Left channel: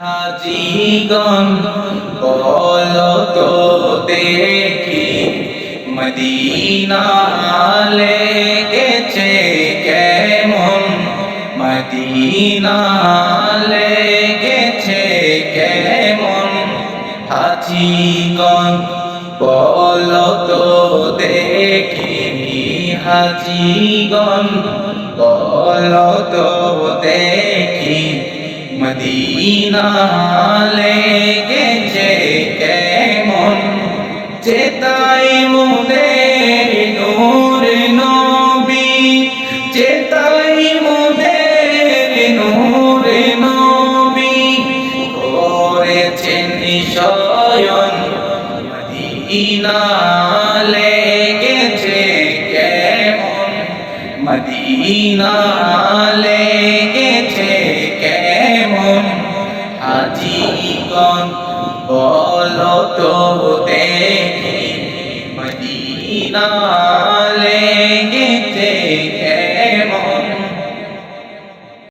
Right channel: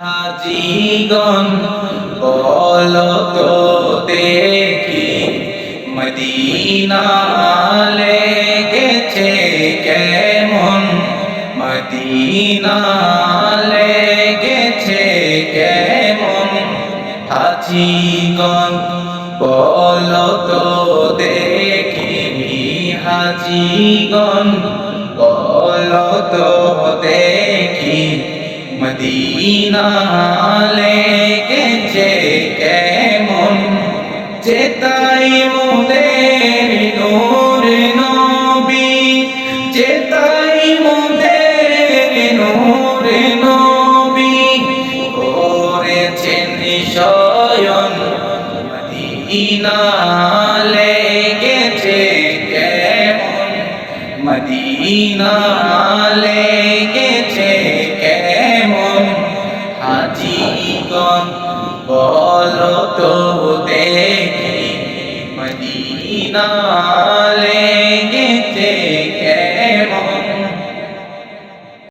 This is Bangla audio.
হাজিগণ বলো তো দেখি মদিনা লেগেছে কেমন, মদিনা লেগেছে কেমন। হাজিগণ বলো তো দেখি, হাজিগণ বলো তো দেখি মদিনা লেগেছে কেমন। চেতাই মোদের নূর নবী, চেতাই মোদের নূর নবী, করেছেন শয়ন মদিনা লেগেছে কেমন, মদিনা লেগেছে কেমন। হাজিগণ বলো তো দেখি মদিনা লেগেছে